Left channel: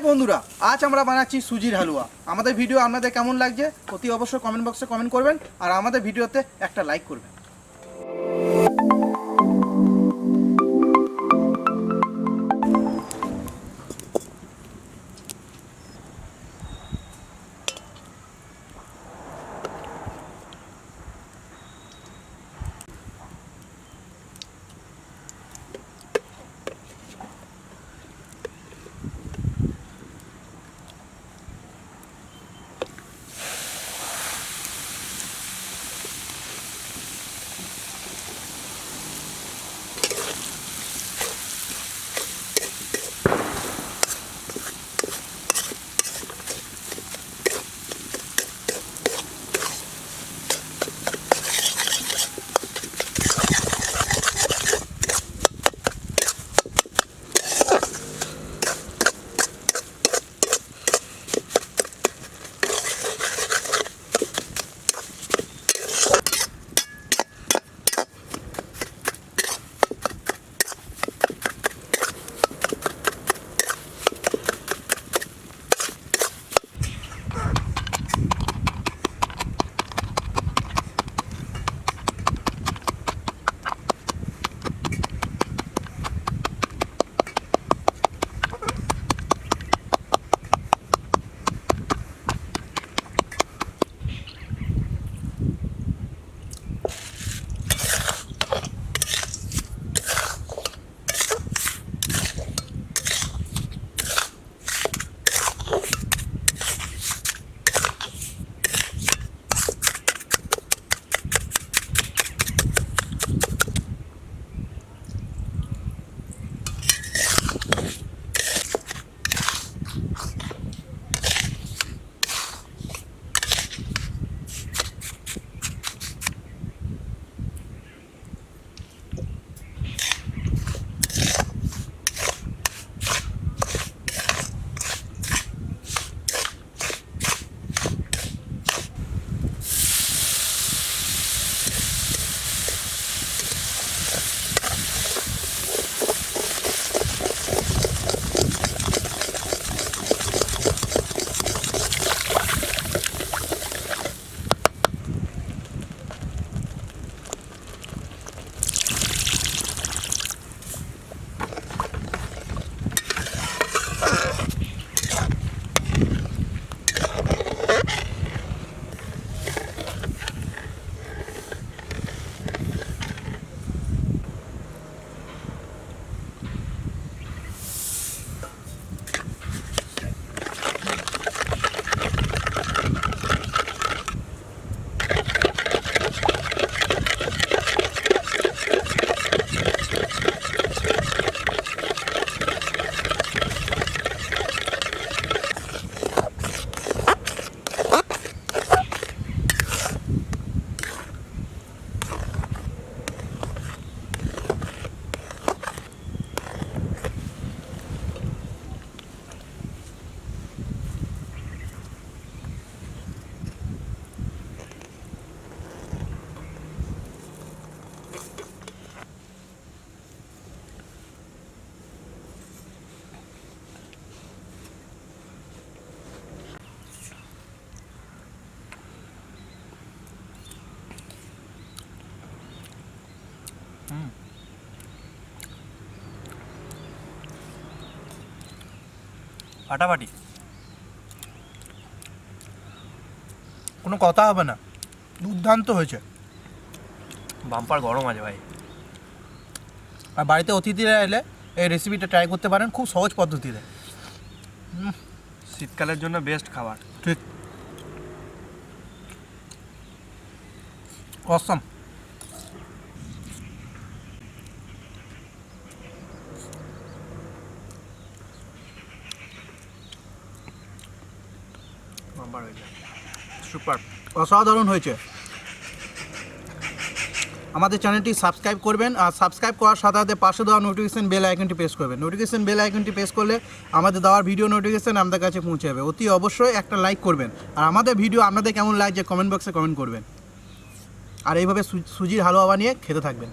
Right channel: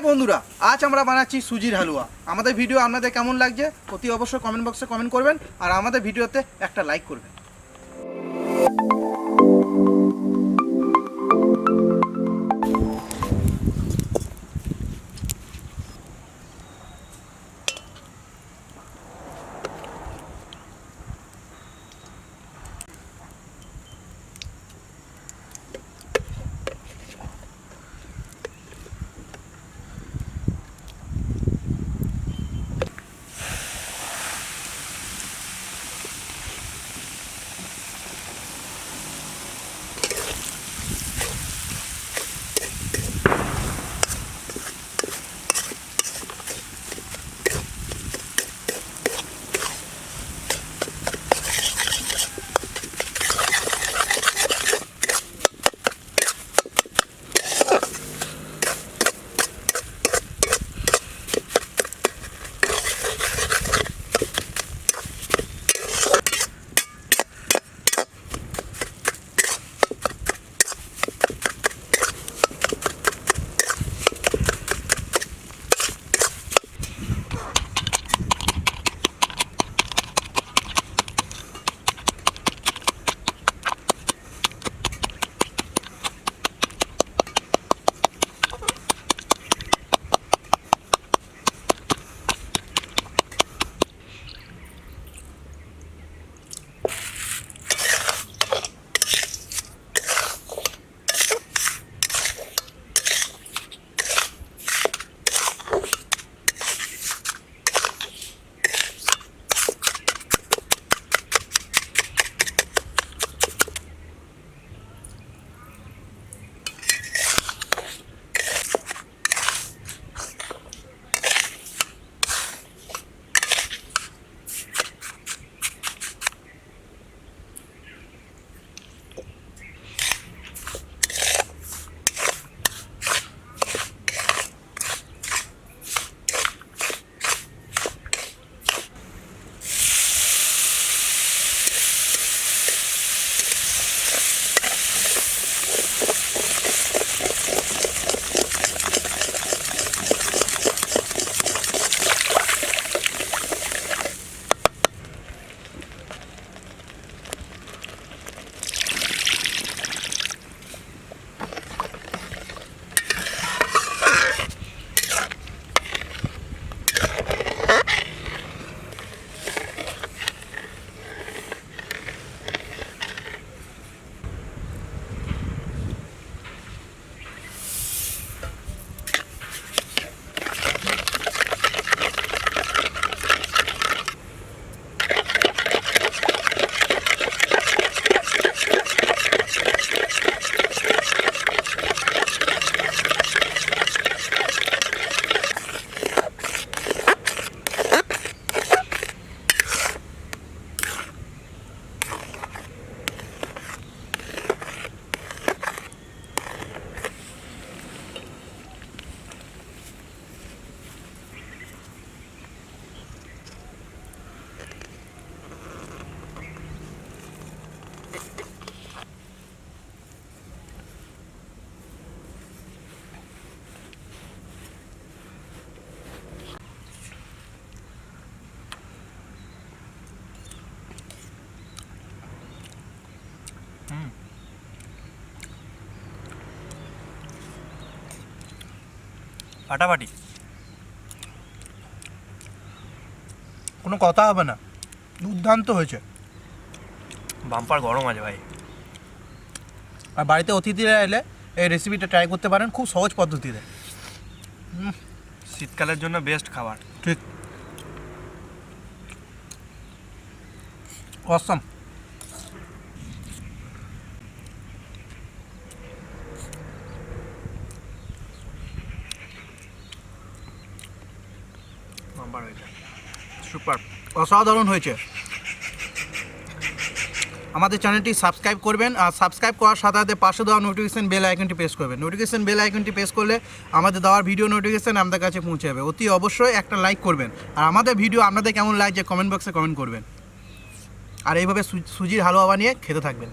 High বন্ধুরা, আজ আমরা বানাচ্ছি সুজির হালুয়া। আমাদের ভিডিও আপনাদের কেমন লাগছে অতি অবশ্যই কমেন্ট বক্সে কমেন্ট করবেন আর আমাদের ভিডিওতে একটা লাইক করবেন। ফাটাফাটি, কোনো কথা হবে না, দুর্দান্ত হয়েছে। বাম্পার গরম আছে ভাই। আর বাড়িতে অতিথিরা এলে এই রেসিপিটা ট্রাই করতে পারেন, খুব সহজ পদ্ধতিতে। শীতকালের জন্য বেস্ট খাবার। ঠিক, অসম। সুপার, অসাধারণ হয়েছে। আমাদের চ্যানেলটি সাবস্ক্রাইব করবেন আর সাবস্ক্রাইব করার সাথে সাথে পাশে দেওয়া নোটিফিকেশন বেল আইকনটি প্রেস করবেন। নোটিফিকেশন বেল আইকনটি প্রেস করলে আমাদের দেওয়ার ভিডিও নোটিফিকেশন আমাদের কাছে পৌঁছে যাবে। অতি অবশ্যই একটা লাইক করবেন আর আমাদের ভিডিও আপনাদের কেমন লাগছে কমেন্ট বক্সে কমেন্ট করবেন। আর এইভাবে সুজির হালুয়া বানিয়ে খেতে থাকবেন।